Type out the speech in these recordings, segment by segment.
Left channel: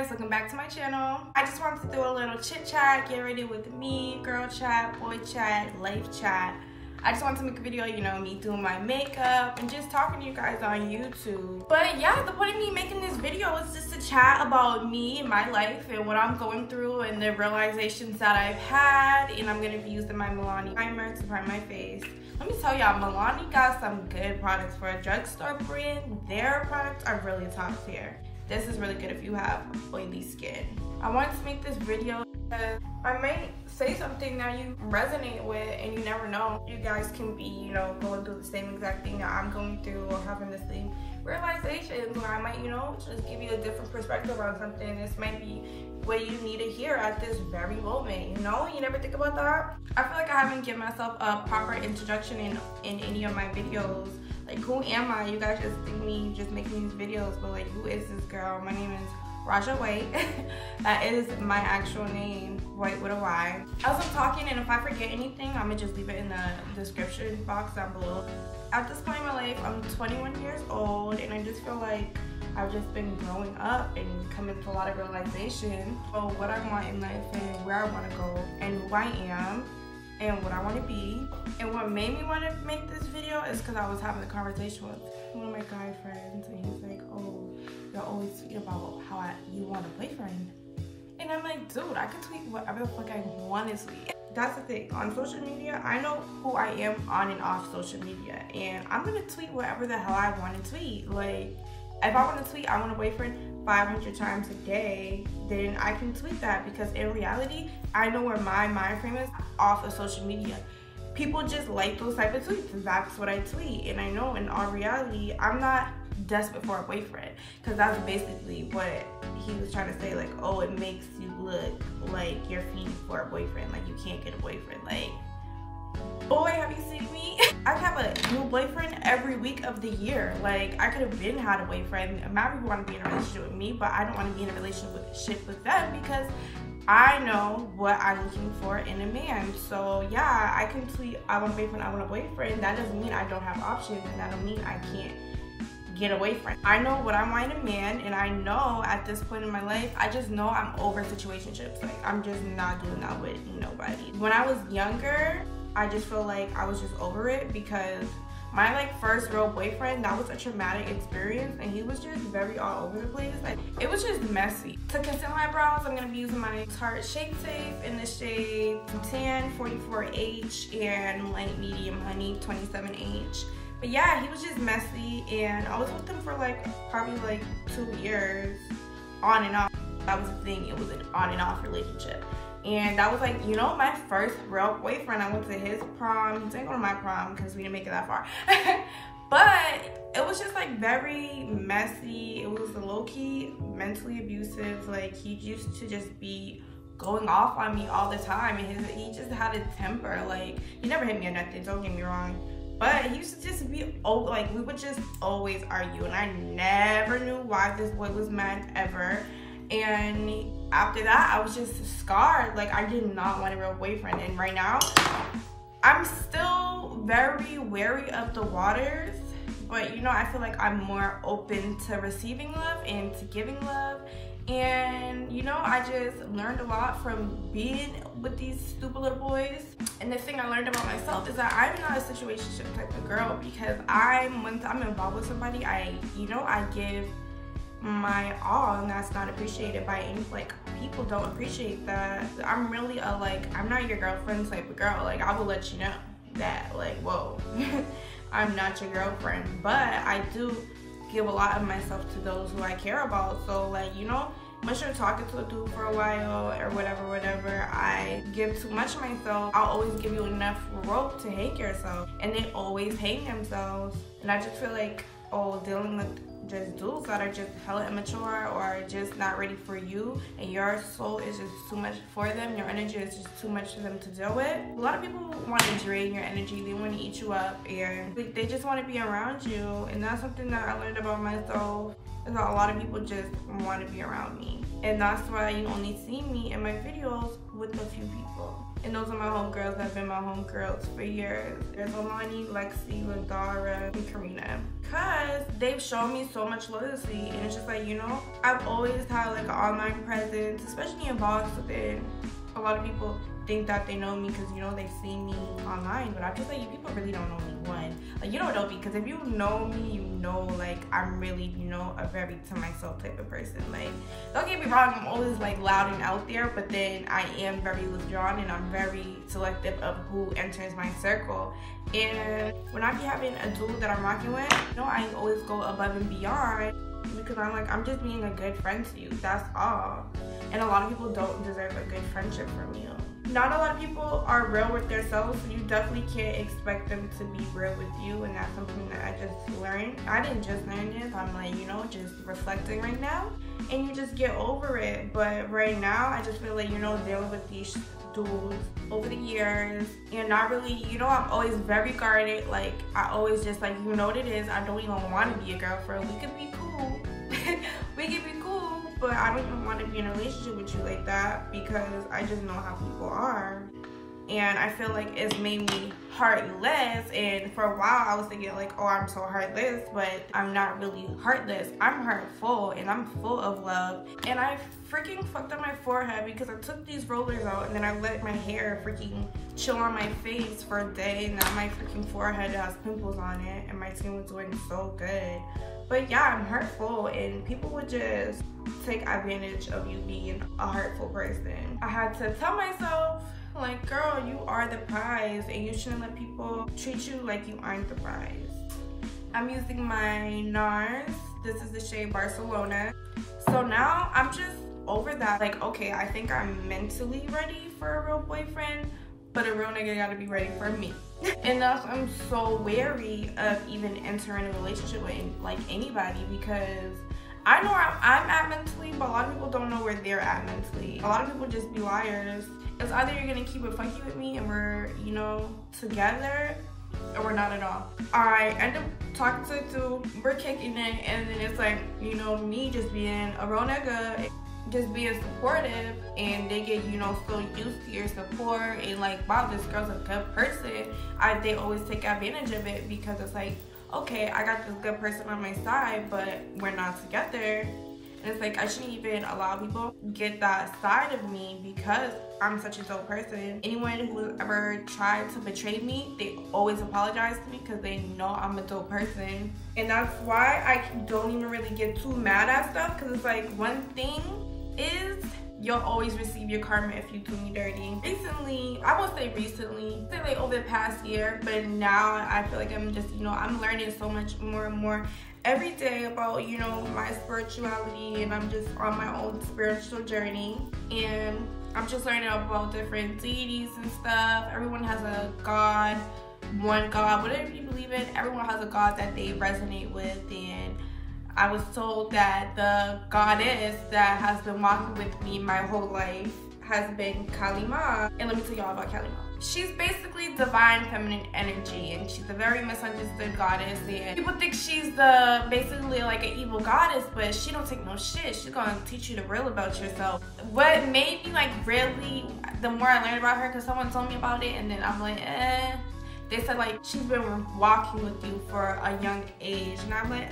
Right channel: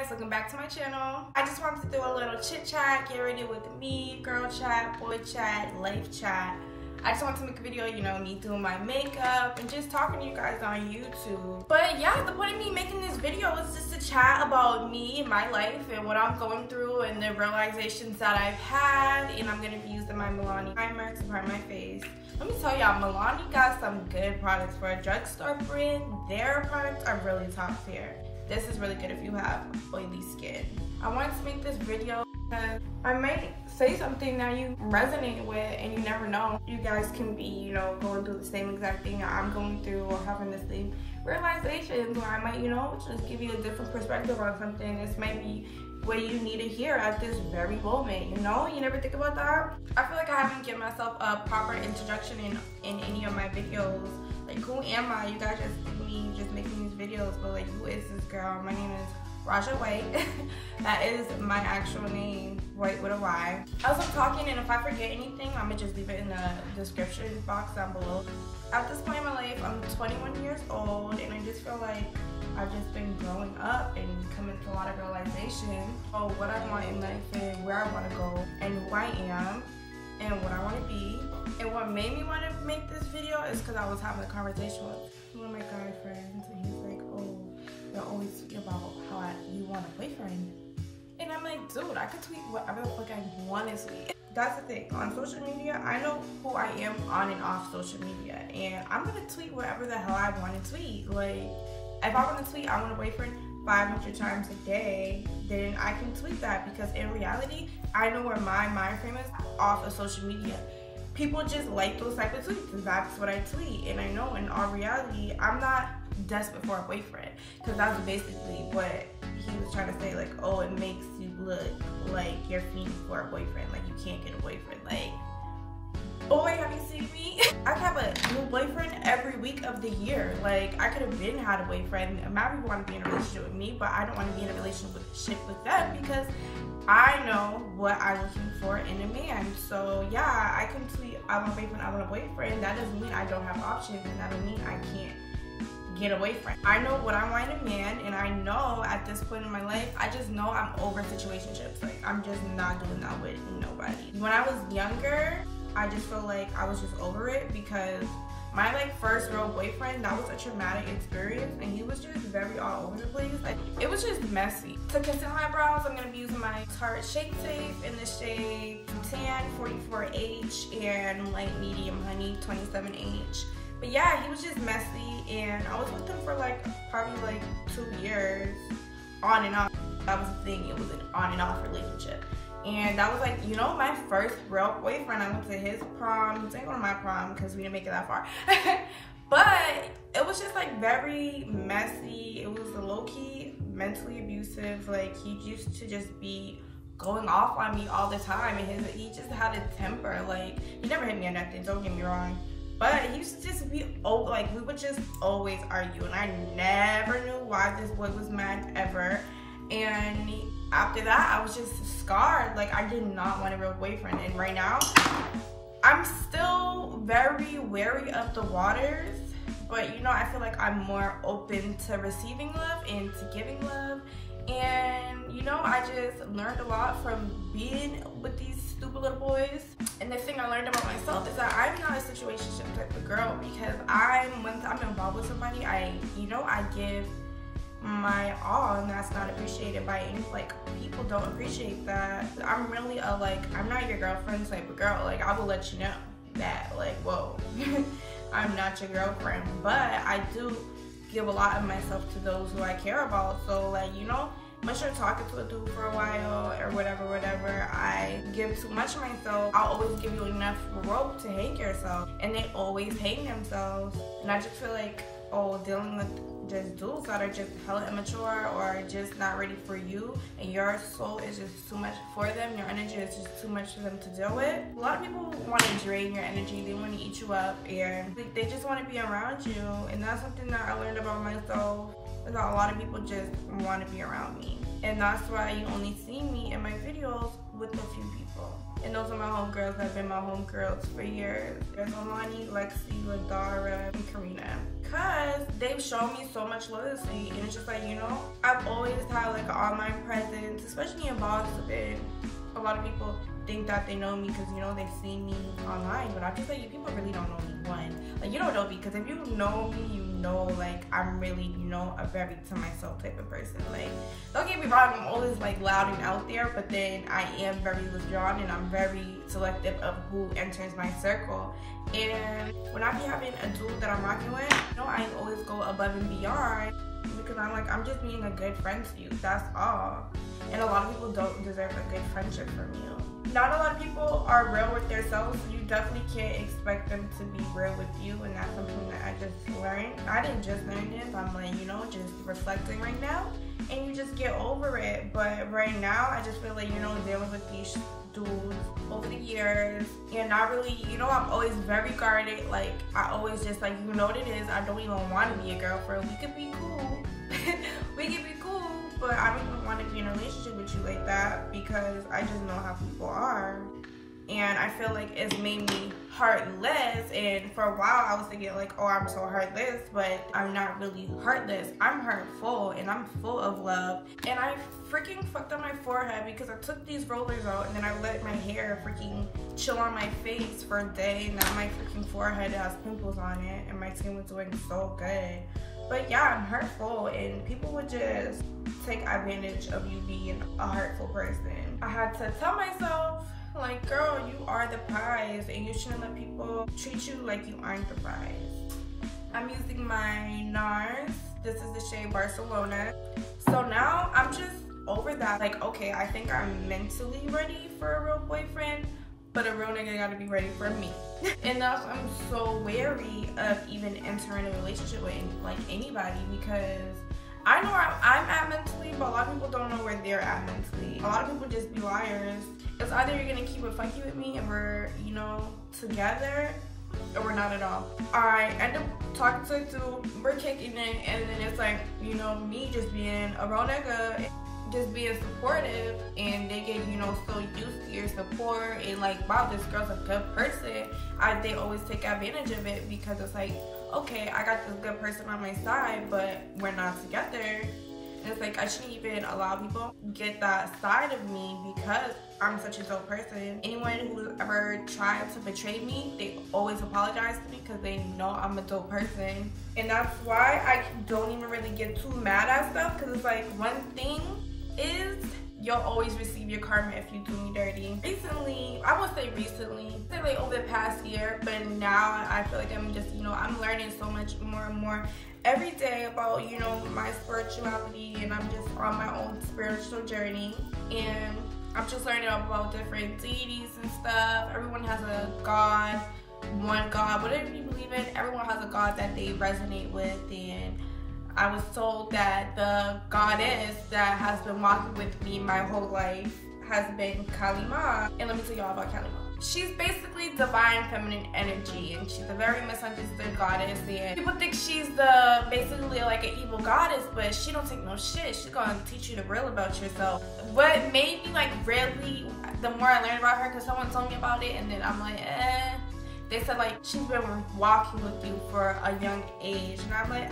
guys, welcome back to my channel. I just wanted to do a little chit chat, get ready with me, girl chat, boy chat, life chat. I just wanted to make a video, you know, me doing my makeup and just talking to you guys on YouTube. But yeah, the point of me making this video is just to chat about me and my life and what I'm going through and the realizations that I've had. And I'm gonna be using my Milani primer to prime my face. Let me tell y'all, Milani got some good products for a drugstore brand. Their products are really top tier. This is really good if you have oily skin. I wanted to make this video because I might say something that you resonate with, and you never know. You guys can be, you know, going through the same exact thing that I'm going through, or having the same realizations, or I might, you know, just give you a different perspective on something. This might be what you need to hear at this very moment, you know? You never think about that? I feel like I haven't given myself a proper introduction in any of my videos. Like, who am I? You guys just see me just making these videos, but like, who is this girl? My name is Rajahwhyte. That is my actual name, White with a Y. As I'm talking, and if I forget anything, I'm gonna just leave it in the description box down below. At this point in my life, I'm 21 years old, and I just feel like I've just been growing up and coming to a lot of realization of what I want in life and where I want to go and who I am and what I want to be. And what made me want to make this video is because I was having a conversation with one of my guy friends, and he's like, oh, you're always tweeting about how you want a boyfriend. And I'm like, dude, I can tweet whatever the fuck I want to tweet. That's the thing. On social media, I know who I am on and off social media, and I'm gonna tweet whatever the hell I want to tweet. Like, if I want to tweet I want a boyfriend 500 times a day, then I can tweet that, because in reality, I know where my mind frame is off of social media. People just like those type of tweets, and that's what I tweet. And I know in all reality, I'm not desperate for a boyfriend, because that's basically what he was trying to say. Like, oh, it makes you look like you're fiending for a boyfriend, like you can't get a boyfriend. Like, boy, have you seen me? I have a new boyfriend every week of the year. Like, I could have been had a boyfriend. Mad people want to be in a relationship with me, but I don't want to be in a relationship with them, because I know what I'm looking for in a man. So yeah, I can tweet I want a boyfriend, I want a boyfriend. That doesn't mean I don't have options, and that don't mean I can't get a boyfriend. I know what I want in a man, and I know at this point in my life, I just know I'm over situationships. Like, I'm just not doing that with nobody. When I was younger, I just feel like I was just over it, because my like first real boyfriend, that was a traumatic experience, and he was just very all over the place. Like, it was just messy. To conceal my brows, I'm gonna be using my Tarte Shape Safe in the shade Tan 44H and light medium honey 27H. But yeah, he was just messy, and I was with him for like probably like 2 years on and off. That was the thing, it was an on and off relationship. And that was like, you know, my first real boyfriend. I went to his prom. He didn't go to my prom because we didn't make it that far. But it was just like very messy. It was low-key mentally abusive. Like, he used to just be going off on me all the time, and he just had a temper. Like, he never hit me or nothing, don't get me wrong, but he used to just be, like, we would just always argue, and I never knew why this boy was mad ever. And after that, I was just scarred. Like, I did not want a real boyfriend. And right now, I'm still very wary of the waters, but you know, I feel like I'm more open to receiving love and to giving love. And you know, I just learned a lot from being with these stupid little boys. And the thing I learned about myself is that I'm not a situationship type of girl, because once I'm involved with somebody, I give my all, and that's not appreciated by any, like, people don't appreciate that. I'm really a, like, I'm not your girlfriend type of girl. Like, I will let you know that, like, whoa, I'm not your girlfriend, but I do give a lot of myself to those who I care about. So, like, you know, unless you're talking to a dude for a while or whatever, I give too much of myself. I'll always give you enough rope to hang yourself, and they always hang themselves. And I just feel like, oh, dealing with just dudes that are just hella immature or just not ready for you, and your soul is just too much for them, your energy is just too much for them to deal with. A lot of people want to drain your energy, they want to eat you up, and they just want to be around you. And that's something that I learned about myself, is that a lot of people just want to be around me. And that's why you only see me in my videos with a few people. And those are my homegirls that have been my homegirls for years. There's Alani, Lexi, Ladara, and Karina. Cause they've shown me so much loyalty, and it's just like, you know, I've always had like an online presence, especially in Boston. A lot of people think that they know me because, you know, they see me online, but I just like, you people really don't know me. One, like, you don't know me, because if you know me, you know, like, I'm really, you know, a very to myself type of person. Like, don't get me wrong, I'm always like loud and out there, but then I am very withdrawn, and I'm very selective of who enters my circle. And when I be having a dude that I'm rocking with, you know, I always go above and beyond, because I'm like, I'm just being a good friend to you, that's all. And a lot of people don't deserve a good friendship from you. Not a lot of people are real with themselves, so you definitely can't expect them to be real with you, and that's something that I just learned. I didn't just learn this, I'm like, you know, just reflecting right now, and you just get over it. But right now, I just feel like, you know, dealing with these dudes over the years, and not really, you know, I'm always very guarded. Like, I always just like, you know what it is, I don't even want to be a girlfriend. We could be cool. We could be cool, but I don't even want to be in a relationship with you like that, because I just know how people are. And I feel like it's made me heartless, and for a while I was thinking like, oh, I'm so heartless, but I'm not really heartless. I'm heartful, and I'm full of love. And I freaking fucked up my forehead because I took these rollers out, and then I let my hair freaking chill on my face for a day. Now my freaking forehead has pimples on it, and my skin was doing so good. But yeah, I'm hurtful, and people would just take advantage of you being a hurtful person. I had to tell myself, like, girl, you are the prize, and you shouldn't let people treat you like you aren't the prize. I'm using my NARS. This is the shade Barcelona. So now I'm just over that. Like, okay, I think I'm mentally ready for a real boyfriend, but a real nigga gotta be ready for me. And thus, I'm so wary of even entering a relationship with like anybody, because I know where I'm at mentally, but a lot of people don't know where they're at mentally. A lot of people just be liars. It's either you're gonna keep it funky with me and we're, you know, together, or we're not at all. I end up talking to the dude, we're kicking it, and then it's like, you know, me just being a real nigga, just being supportive, and they get, you know, so used to your support, and like, wow, this girl's a good person. They always take advantage of it, because it's like, okay, I got this good person on my side, but we're not together. And it's like, I shouldn't even allow people get that side of me, because I'm such a dope person. Anyone who ever tried to betray me, they always apologize to me, because they know I'm a dope person. And that's why I don't even really get too mad at stuff, because it's like, one thing is, you'll always receive your karma if you do me dirty. Recently, I won't say recently, say like over the past year, but now I feel like I'm just, you know, I'm learning so much more and more every day about, you know, my spirituality, and I'm just on my own spiritual journey, and I'm just learning about different deities and stuff. Everyone has a god, one god, whatever you believe in, everyone has a god that they resonate with. And I was told that the goddess that has been walking with me my whole life has been Kali Ma. And let me tell y'all about Kali Ma. She's basically divine feminine energy, and she's a very misunderstood goddess, and people think she's basically like an evil goddess, but she don't take no shit. She's gonna teach you the real about yourself. What made me like really, the more I learned about her, because someone told me about it, and then I'm like, they said like she's been walking with you for a young age, and I'm like,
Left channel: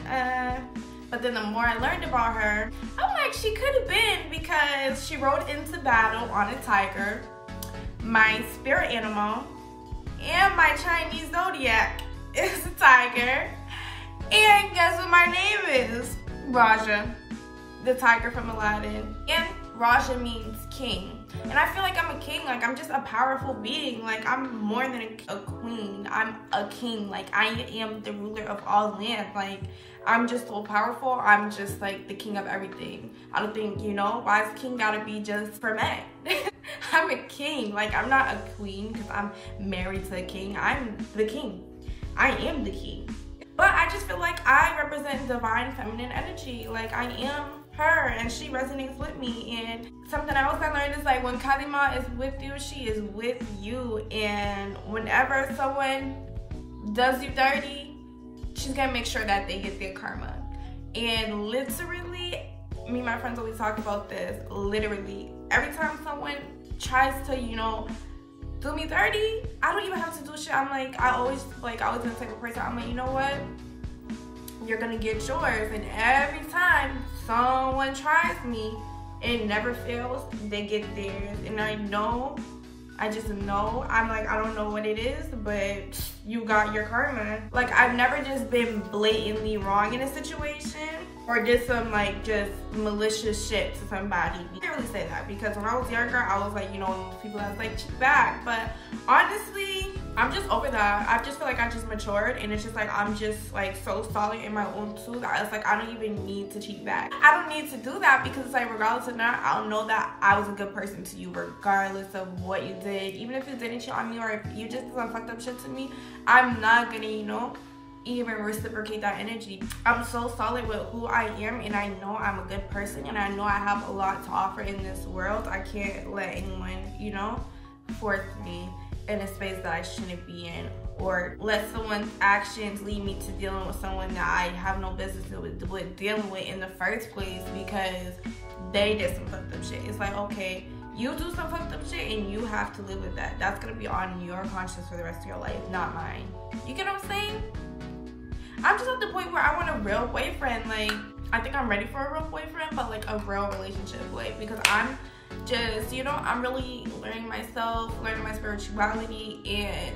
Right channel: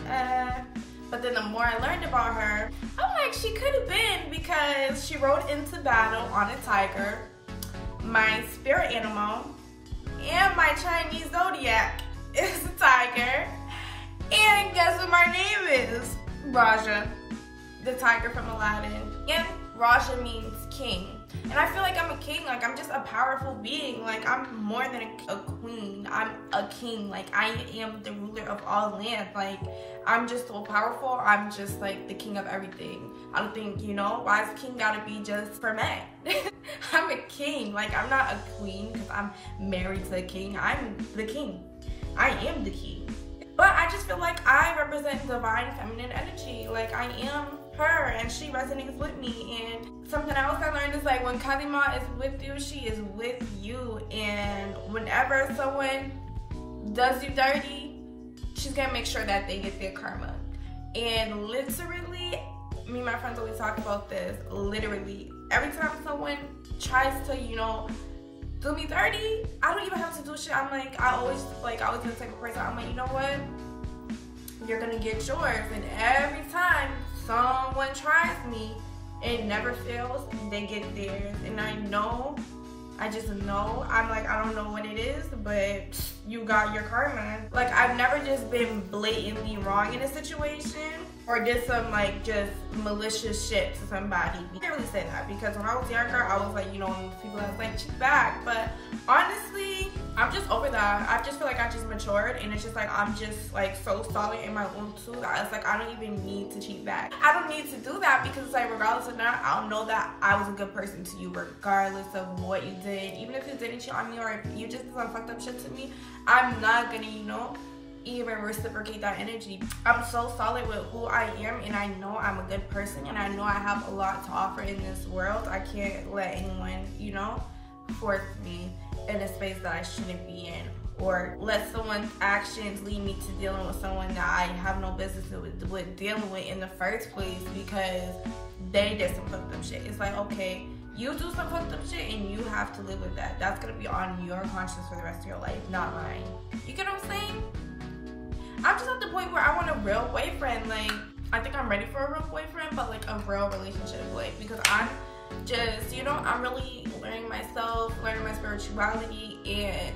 But then the more I learned about her, I'm like, she could have been, because she rode into battle on a tiger, my spirit animal, and my Chinese zodiac is a tiger. And guess what my name is? Raja, the tiger from Aladdin. And Raja means king. And I feel like I'm a king, like I'm just a powerful being. Like I'm more than a queen, I'm a king. Like I am the ruler of all lands. Like I'm just so powerful, I'm just like the king of everything. I don't think, you know, why is king gotta be just for men? I'm a king, like I'm not a queen because I'm married to a king. I'm the king, I am the king. But I just feel like I represent divine feminine energy. Like I am her, and she resonates with me. And something else I learned is like when Kali Ma is with you, she is with you. And whenever someone does you dirty, she's gonna make sure that they get their karma. And literally, me and my friends always talk about this. Literally, every time someone tries to, you know, do me dirty, I don't even have to do shit. I'm like, I always the type of person, I'm like, you know what? You're gonna get yours. And every time someone tries me, it never fails, they get theirs. And I just know, I'm like, I don't know what it is, but you got your karma. Like, I've never just been blatantly wrong in a situation or did some like just malicious shit to somebody. I can't really say that because when I was younger, I was like, you know, people that was like, cheat back. But honestly, I'm just over that. I just feel like I just matured, and it's just like I'm just like so solid in my own too that it's like I don't even need to cheat back. I don't need to do that because it's like regardless of that, I'll know that I was a good person to you regardless of what you did. Even if you didn't cheat on me or if you just did some fucked up shit to me, I'm not gonna, you know, even reciprocate that energy. I'm so solid with who I am, and I know I'm a good person, and I know I have a lot to offer in this world. I can't let anyone, you know, force me in a space that I shouldn't be in, or let someone's actions lead me to dealing with someone that I have no business with dealing with in the first place because they did some fucked up shit. It's like, okay, you do some fucked up shit and you have to live with that. That's gonna be on your conscience for the rest of your life, not mine. You get what I'm saying? I'm just at the point where I want a real boyfriend. Like, I think I'm ready for a real boyfriend, but like a real relationship, like, because I'm just, you know, I'm really learning myself, learning my spirituality, and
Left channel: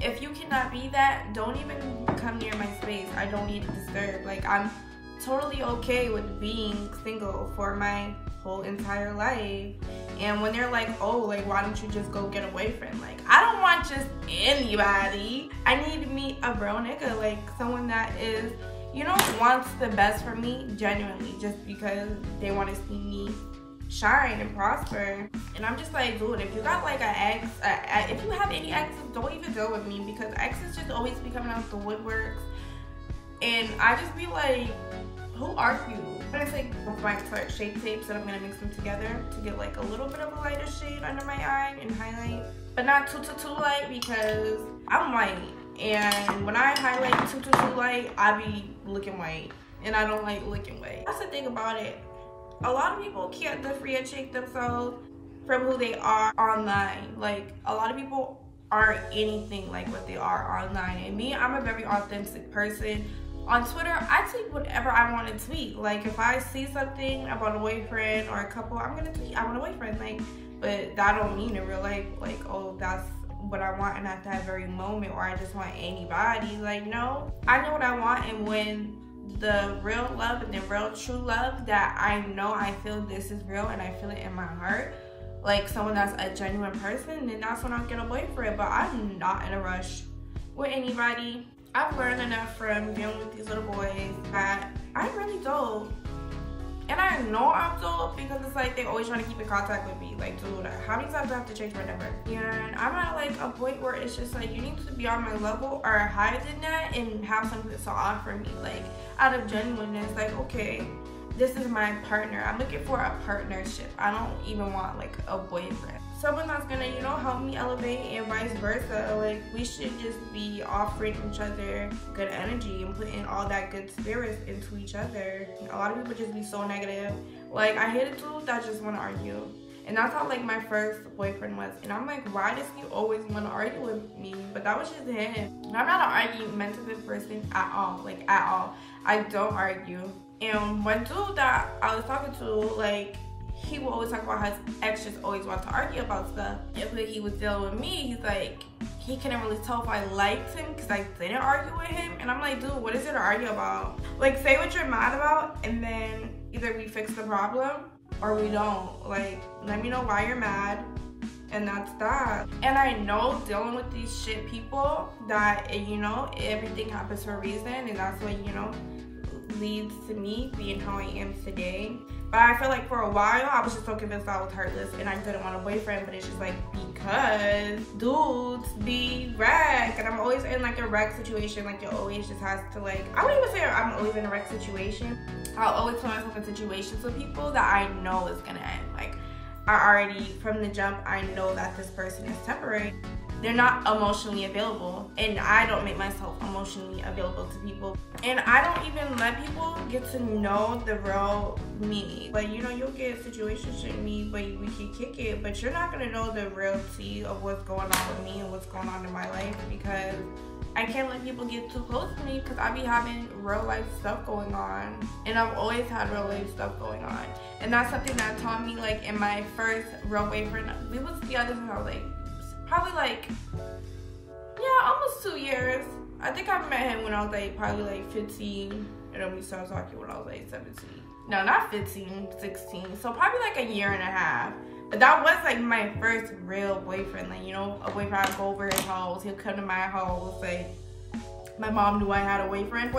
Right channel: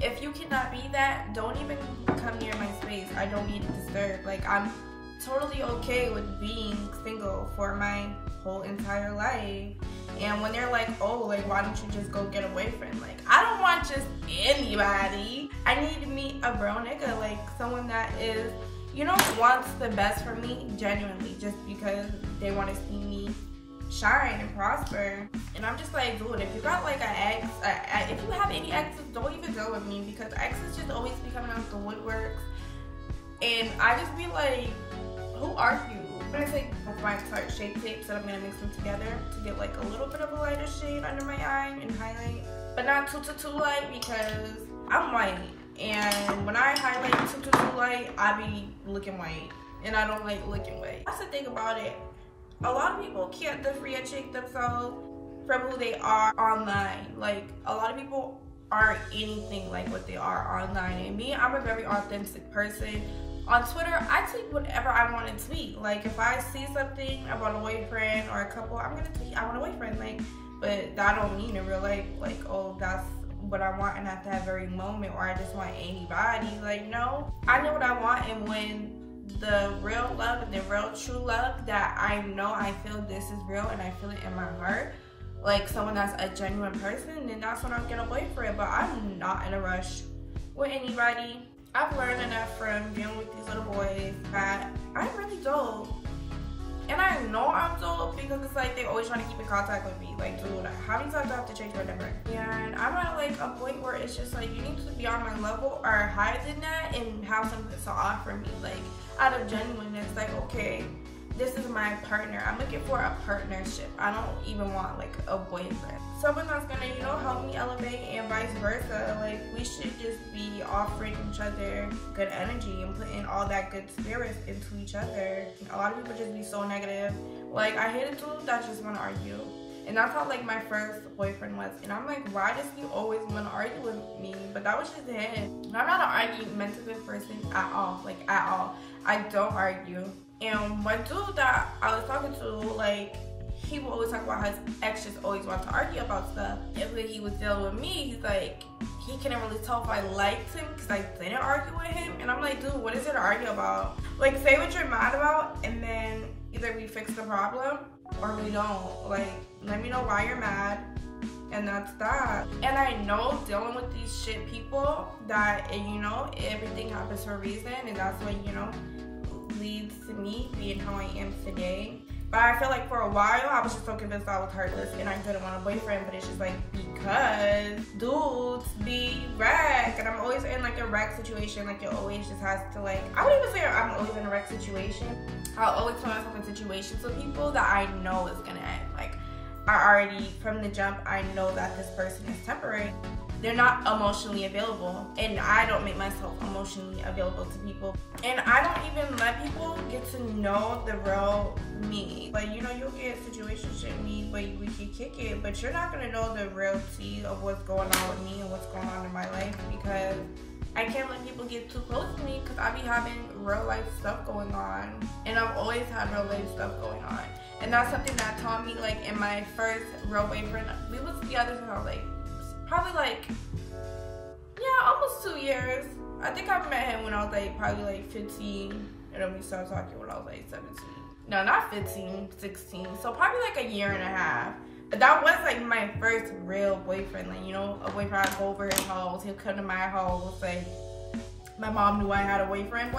if you cannot be that, don't even come near my space. I don't need to disturb. Like, I'm totally okay with being single for my whole entire life. And when they're like, oh, like, why don't you just go get a boyfriend? Like, I don't want just anybody. I need to meet a real nigga, like someone that is, you know, wants the best for me genuinely, just because they want to see me shine and prosper. And I'm just like, dude, if you got like an ex, if you have any exes, don't even go with me, because exes just always be coming out the woodworks, and I just be like, who are you? I'm gonna take my Tarte shade tapes and I'm gonna mix them together to get like a little bit of a lighter shade under my eye and highlight, but not too light because I'm white, and when I highlight too light, I be looking white, and I don't like looking white. That's the thing about it. A lot of people can't differentiate themselves from who they are online. Like, a lot of people aren't anything like what they are online. And me, I'm a very authentic person. On Twitter, I tweet whatever I want to tweet. Like, if I see something about a boyfriend or a couple, I'm gonna tweet, I want a boyfriend. Like, but that don't mean in real life, like, oh, that's what I want and at that very moment, or I just want anybody. Like, no, I know what I want, and when the real love and the real true love that I know I feel this is real and I feel it in my heart, like someone that's a genuine person, then that's when I'll get a boyfriend. But I'm not in a rush with anybody. I've learned enough from dealing with these little boys that I'm really dope. And I know I'm dope because it's like they always trying to keep in contact with me. Like, dude, how many times do I have to change my number? And I'm at like a point where it's just like, you need to be on my level or higher than that and have something to offer me. Like, out of genuineness, like, okay, this is my partner. I'm looking for a partnership. I don't even want like a boyfriend. Someone that's gonna, you know, help me elevate and vice versa. Like, we should just be offering each other good energy and putting all that good spirits into each other. A lot of people just be so negative. Like, I hate a dude that just wanna argue. And that's how like my first boyfriend was. And I'm like, why does he always wanna argue with me? But that was just him. I'm not an argumentative person at all. Like, at all. I don't argue. And one dude that I was talking to, like, he would always talk about how his ex just always wanted to argue about stuff. If he was dealing with me, he's like, he couldn't really tell if I liked him because I didn't argue with him. And I'm like, dude, what is there to argue about? Like, say what you're mad about, and then either we fix the problem or we don't. Like, let me know why you're mad, and that's that. And I know dealing with these shit people that, you know, everything happens for a reason, and that's what, you know, leads to me being how I am today. But I feel like for a while I was just so convinced I was heartless and I didn't want a boyfriend, but it's just like because dudes be wreck, and I'm always in like a wreck situation. Like, it always just has to, like, I wouldn't even say I'm always in a wreck situation. I'll always put myself in situations with people that I know is gonna end. Like, I already from the jump I know that this person is temporary. they're not emotionally available, and I don't make myself emotionally available to people, and I don't even let people get to know the real me. Like, you know, you'll get situationship me, but we can kick it, but you're not gonna know the real tea of what's going on with me and what's going on in my life, because I can't let people get too close to me because I be having real life stuff going on, and I've always had real life stuff going on. And that's something that taught me, like, in my first real boyfriend. We was together since I was like, probably like, yeah, almost 2 years. I think I met him when I was like probably like 15, and then we started talking when I was like 17. No, not 15, 16. So probably like a year and a half. But that was like my first real boyfriend. Like, you know, a boyfriend. I'd go over his house, he'll come to my house. Like, my mom knew I had a boyfriend.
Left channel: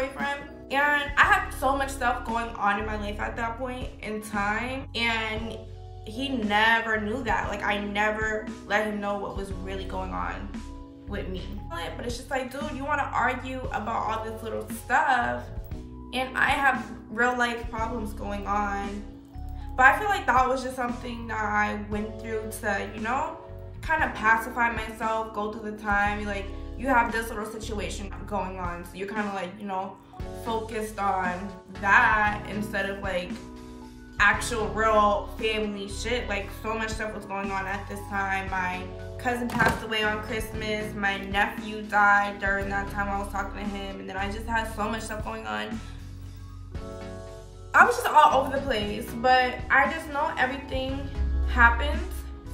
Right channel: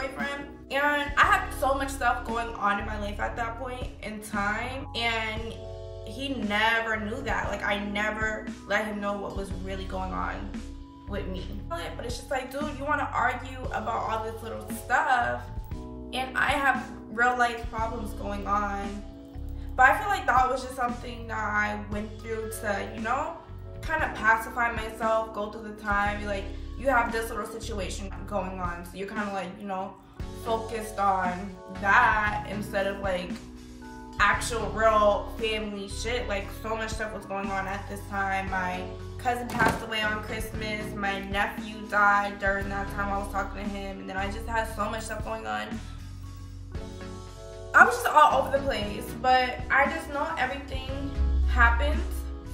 And I had so much stuff going on in my life at that point in time, and he never knew that. Like, I never let him know what was really going on with me. But it's just like, dude, you want to argue about all this little stuff, and I have real life problems going on. But I feel like that was just something that I went through to, you know, kind of pacify myself, go through the time. Like, you have this little situation going on, so you're kind of like, you know, focused on that instead of like actual real family shit. Like, so much stuff was going on at this time. My cousin passed away on Christmas, my nephew died during that time I was talking to him, and then I just had so much stuff going on. I was just all over the place, but I just know everything happens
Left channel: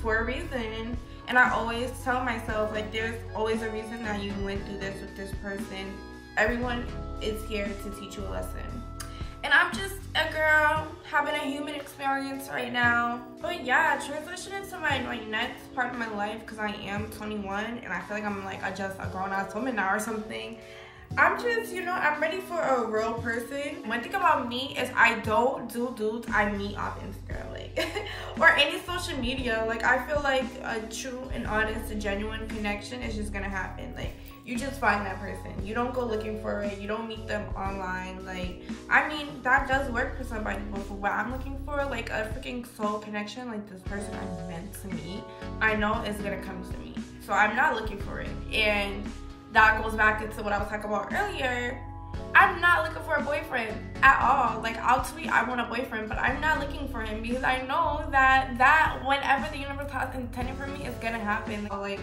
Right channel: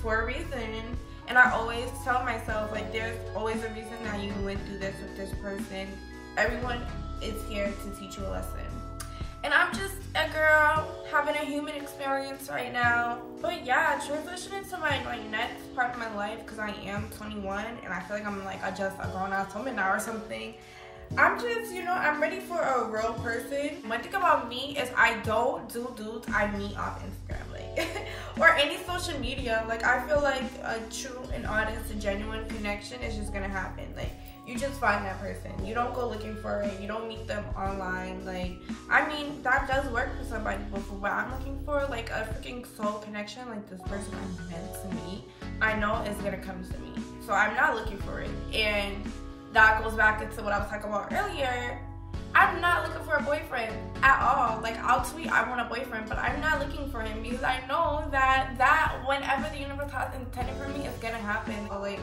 for a reason. And I always tell myself, like, there's always a reason that you went through this with this person. Everyone is here to teach you a lesson. And I'm just a girl having a human experience right now. But yeah, transitioning to my like next part of my life, because I am 21 and I feel like I'm like just a grown-ass woman now or something. I'm just, you know, I'm ready for a real person. One thing about me is I don't do dudes I meet off Instagram, like, or any social media. Like, I feel like a true and honest and genuine connection is just gonna happen. Like, you just find that person. You don't go looking for it. You don't meet them online. Like, I mean, that does work for somebody, but for what I'm looking for, like a freaking soul connection, like this person I'm meant to meet, I know it's gonna come to me. So I'm not looking for it. And that goes back into what I was talking about earlier. I'm not looking for a boyfriend at all. Like, I'll tweet I want a boyfriend, but I'm not looking for him because I know that whenever the universe has intended for me, it's gonna happen. Like,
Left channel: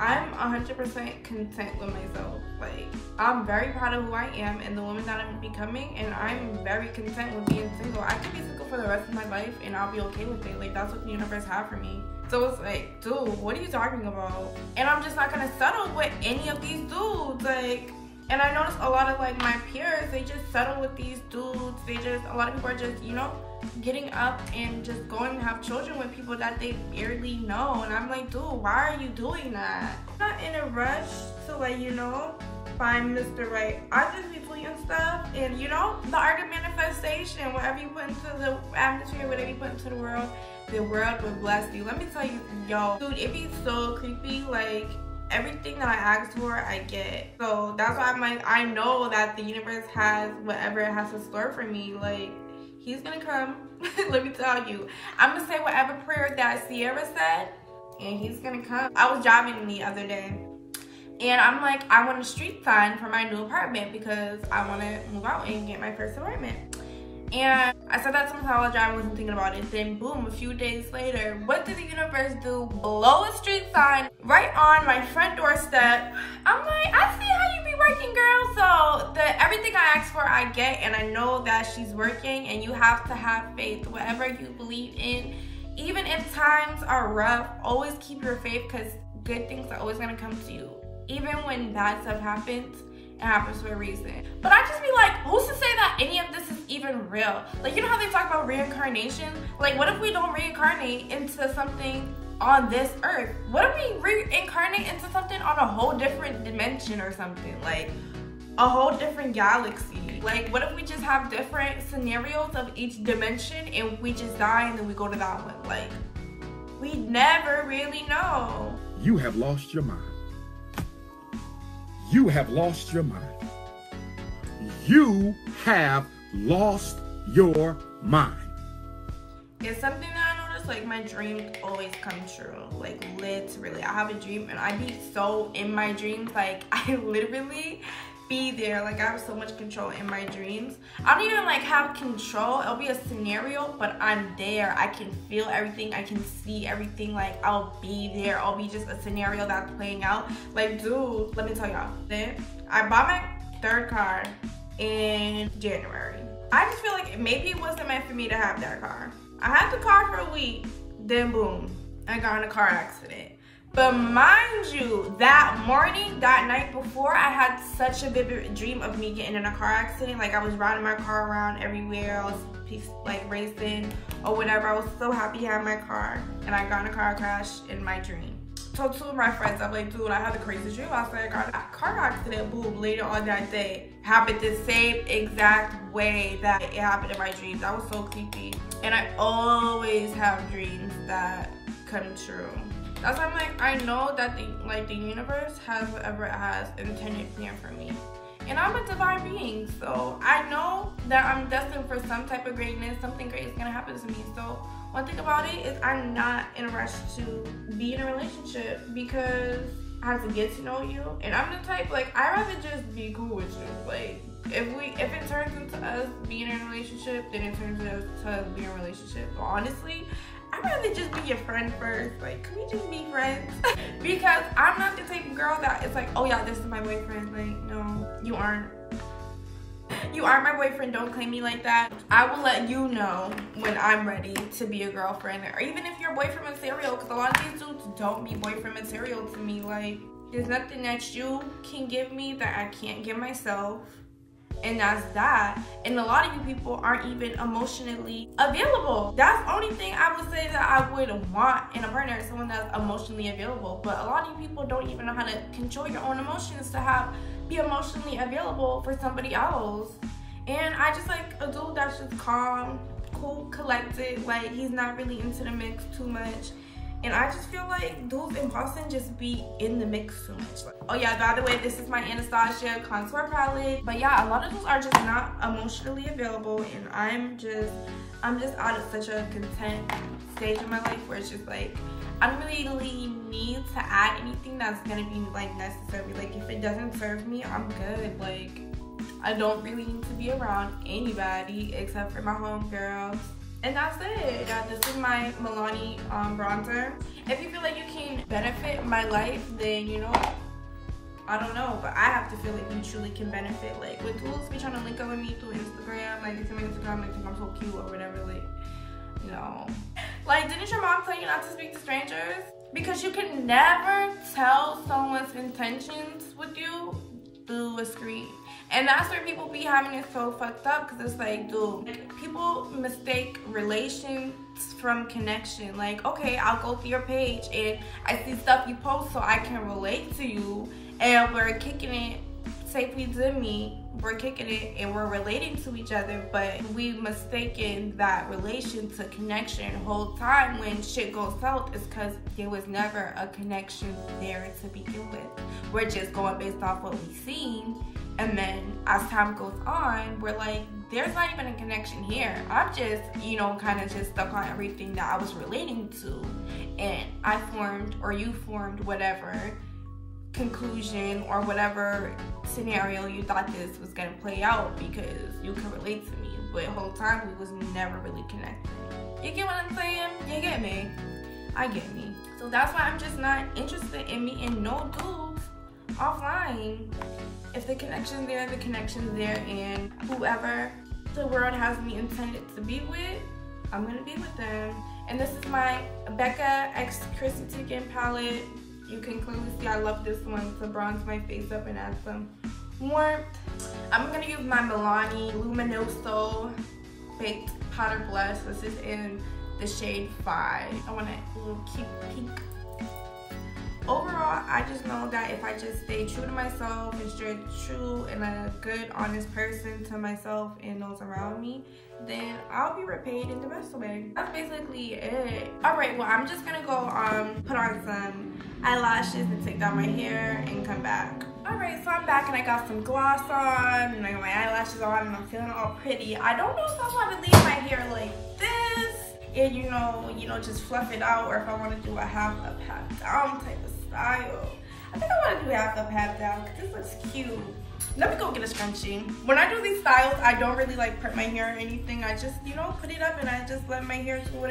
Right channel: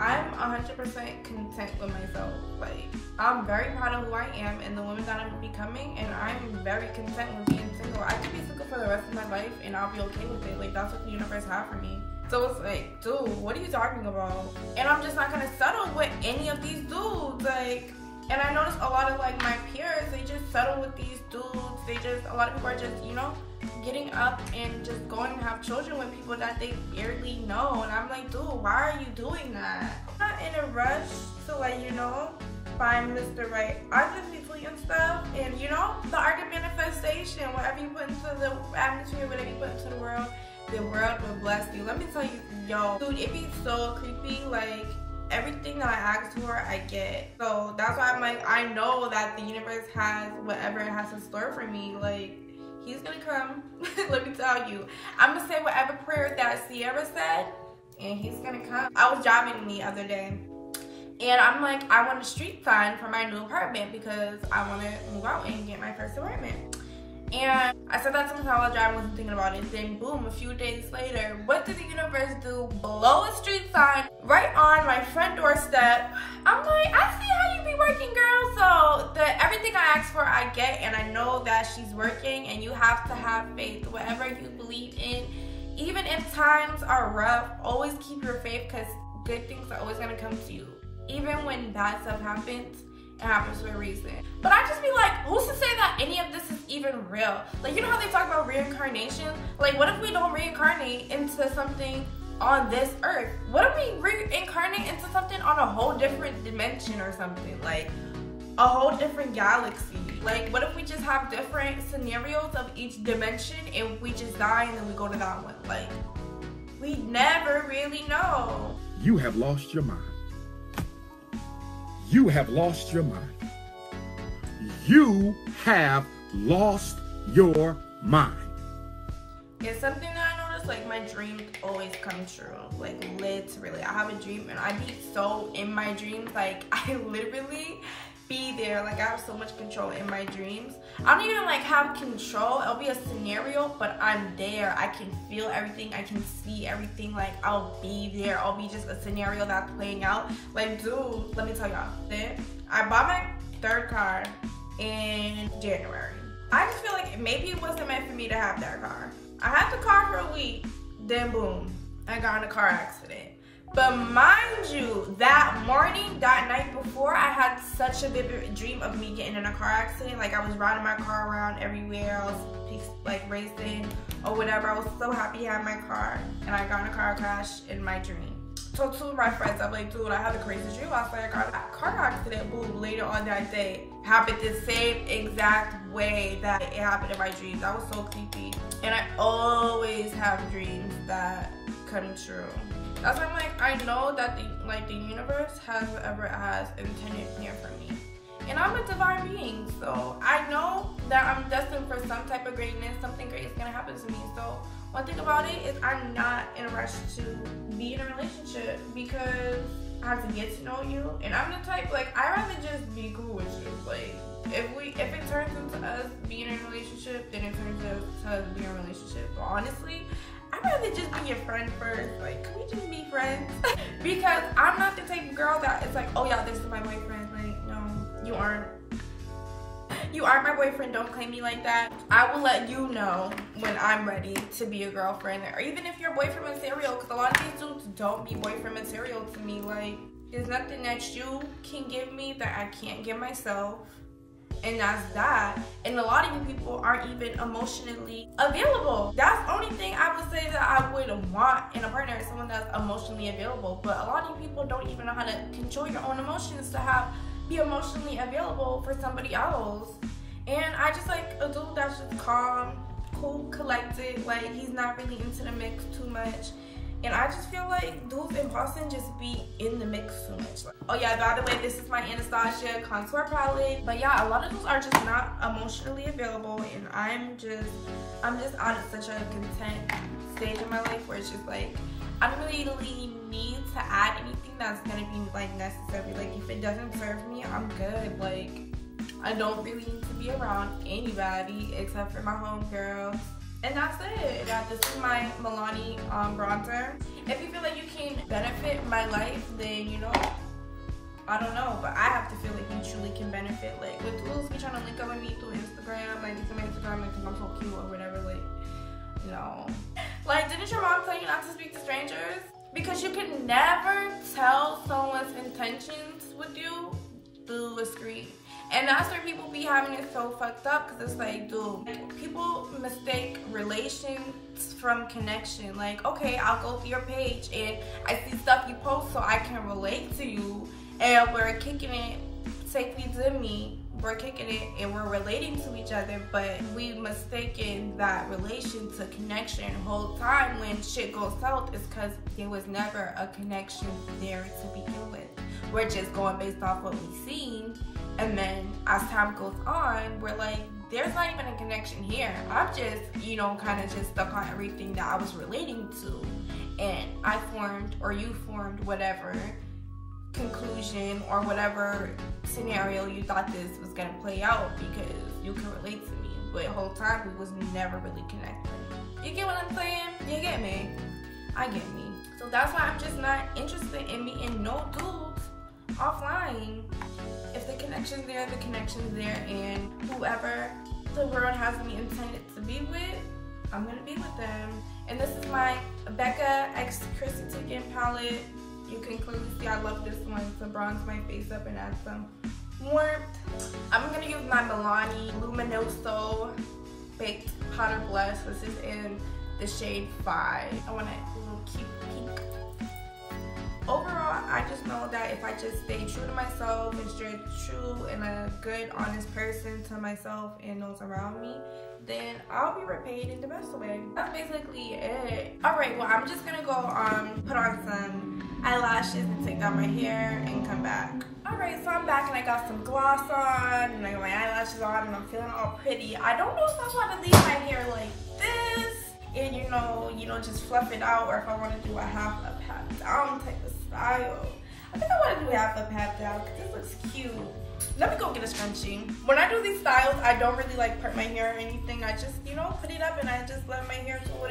I'm 100% content with myself. Like, I'm very proud of who I am and the woman that I'm becoming, and I'm very content with being single. I could be single for the rest of my life and I'll be okay with it. Like, that's what the universe had for me. So it's like, dude, what are you talking about? And I'm just not gonna settle with any of these dudes. Like, and I noticed a lot of like my peers, they just settle with these dudes. A lot of people are just, you know, getting up and just going to have children with people that they barely know. And I'm like, dude, why are you doing that? I'm not in a rush to, like, you know, find Mr. Right. I just be tweeting stuff, and, you know, the art of manifestation, whatever you put into the atmosphere, whatever you put into the world will bless you. Let me tell you, yo, dude, it be so creepy. Like, everything that I ask for, I get. So that's why I'm like, I know that the universe has whatever it has in store for me. Like, he's gonna come. Let me tell you, I'm gonna say whatever prayer that Sierra said, and he's gonna come. I was driving the other day, and I'm like, I want a street sign for my new apartment because I want to move out and get my first apartment. And I said that to myself while driving, wasn't thinking about it. Then boom, a few days later, what did the universe do? Blow a street sign right on my front doorstep. I'm like, I see how you be working, girl. So everything I ask for, I get, and I know that she's working, and you have to have faith. Whatever you believe in, even if times are rough, always keep your faith, because good things are always gonna come to you. Even when bad stuff happens, it happens for a reason. But I just be like, who's to say that any of this is even real? Like, you know how they talk about reincarnation? Like, what if we don't reincarnate into something on this earth? What if we reincarnate into something on a whole different dimension or something? Like, a whole different galaxy? Like, what if we just have different scenarios of each dimension and we just die and then we go to that one? Like, we never really know. You have lost your mind. You have lost your mind. You have lost your mind. It's something that I noticed, like, my dreams always come true. Like, literally, I have a dream and I be so in my dreams. Like, I literally be there. Like, I have so much control in my dreams. I don't even like have control. It'll be a scenario, but I'm there. I can feel everything. I can see everything. Like, I'll be there. I'll be just a scenario that's playing out. Like, dude, let me tell y'all. I bought my third car in January. I just feel like maybe it wasn't meant for me to have that car. I had the car for a week, then boom, I got in a car accident. But mind you, that morning, that night before, I had such a vivid dream of me getting in a car accident. Like, I was riding my car around everywhere. I was like racing or whatever. I was so happy I had my car, and I got in a car crash in my dream. So two of my friends, I'm like, dude, I had the craziest dream last night. I got a car accident, boom, later on that day. Happened the same exact way that it happened in my dreams. That was so creepy. And I always have dreams that come true. That's why I'm like, I know that the universe has whatever it has intended plan for me. And I'm a divine being, so I know that I'm destined for some type of greatness. Something great is gonna happen to me. So one thing about it is I'm not in a rush to be in a relationship because I have to get to know you. And I'm the type, like, I'd rather just be cool with you. Like, if it turns into us being in a relationship, then it turns into us being in a relationship. But honestly, I'd rather just be your friend first. Like, can we just be friends? Because I'm not the type of girl that it's like, oh yeah, this is my boyfriend. Like, no, you aren't. You aren't my boyfriend. Don't claim me like that. I will let you know when I'm ready to be a girlfriend. Or even if you're boyfriend material, because a lot of these dudes don't be boyfriend material to me. Like, there's nothing that you can give me that I can't give myself. And that's that. And a lot of you people aren't even emotionally available. That's the only thing I would say that I would want in a partner, is someone that's emotionally available. But a lot of you people don't even know how to control your own emotions to be emotionally available for somebody else. And I just like a dude that's just calm, cool, collected. Like, he's not really into the mix too much. And I just feel like dudes in Boston just be in the mix too much. Like, oh yeah, by the way, this is my Anastasia contour palette. But yeah, a lot of dudes are just not emotionally available, and I'm just out of such a content stage in my life where it's just like, I don't really need to add anything that's gonna be like necessary. Like, if it doesn't serve me, I'm good. Like, I don't really need to be around anybody except for my homegirls. And that's it. Yeah, this is my Milani bronzer. If you feel like you can benefit my life, then, you know, I don't know. But I have to feel like you truly can benefit. Like, with dudes be trying to link up with me through Instagram. Like, they see my Instagram, they think I'm so cute or whatever. Like, no. Like, didn't your mom tell you not to speak to strangers? Because you can never tell someone's intentions with you through a screen. And that's where people be having it so fucked up, because it's like, dude, people mistake relations from connection. Like, okay, I'll go through your page and I see stuff you post so I can relate to you, and we're kicking it safely to me. We're kicking it and we're relating to each other, but we mistaken that relation to connection the whole time. When shit goes south, it's because there was never a connection there to begin with. We're just going based off what we've seen. And then as time goes on, we're like, there's not even a connection here. I'm just, you know, kind of just stuck on everything that I was relating to. And I formed, or you formed, whatever conclusion or whatever scenario you thought this was going to play out because you can relate to me. But the whole time, we was never really connected. You get what I'm saying? You get me? I get me. So that's why I'm just not interested in meeting no dudes offline. If the connection's there, the connection's there, and whoever the world has me intended to be with, I'm gonna be with them. And this is my Becca X Chrissy Teigen palette. You can clearly see I love this one to bronze my face up and add some warmth. I'm gonna use my Milani Luminoso Baked Powder Blush. This is in the shade 5. I want to keep pink. Overall, I just know that if I just stay true to myself and stay true and a good, honest person to myself and those around me, then I'll be repaid in the best way. That's basically it. Alright, well, I'm just gonna go put on some eyelashes and take down my hair and come back. Alright, so I'm back and I got some gloss on and I got my eyelashes on and I'm feeling all pretty. I don't know if I want to leave my hair like this and you know, just fluff it out, or if I want to do a half up, half down type of style. I think I want to do half up, half down because this looks cute. Let me go get a scrunchie. When I do these styles, I don't really like part my hair or anything. I just, you know, put it up and I just let my hair do what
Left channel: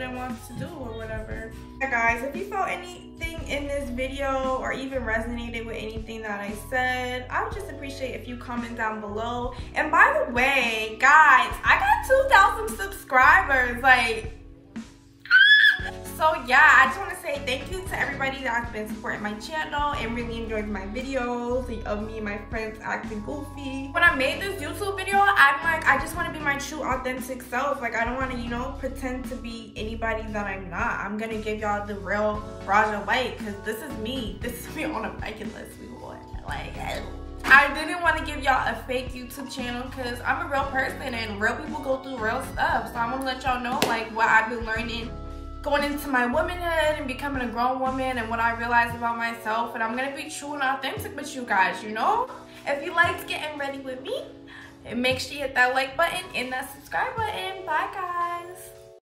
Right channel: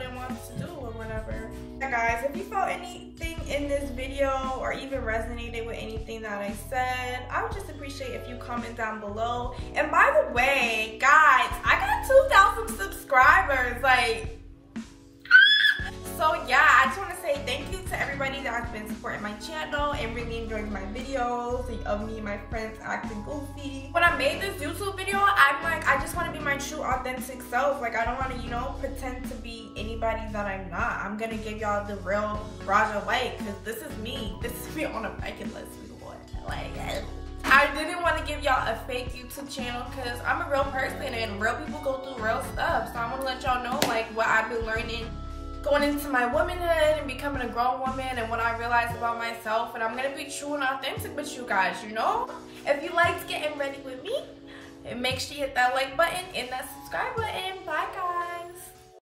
it wants to do or whatever. Yeah, guys, if you saw anything in this video or even resonated with anything that I said, I would just appreciate if you comment down below. And by the way, guys, I got 2,000 subscribers. Like, so yeah, I just want to say thank you to everybody that has been supporting my channel and really enjoying my videos of me and my friends acting goofy. When I made this YouTube video, I'm like, I just want to be my true authentic self. Like, I don't want to, you know, pretend to be anybody that I'm not. I'm gonna give y'all the real Rajahwhyte because this is me. This is me on a bucket list. Like, I didn't want to give y'all a fake YouTube channel because I'm a real person and real people go through real stuff. So I want to let y'all know like what I've been learning going into my womanhood and becoming a grown woman and what I realized about myself. And I'm gonna be true and authentic with you guys, you know? If you liked getting ready with me, make sure you hit that like button and that subscribe button. Bye, guys.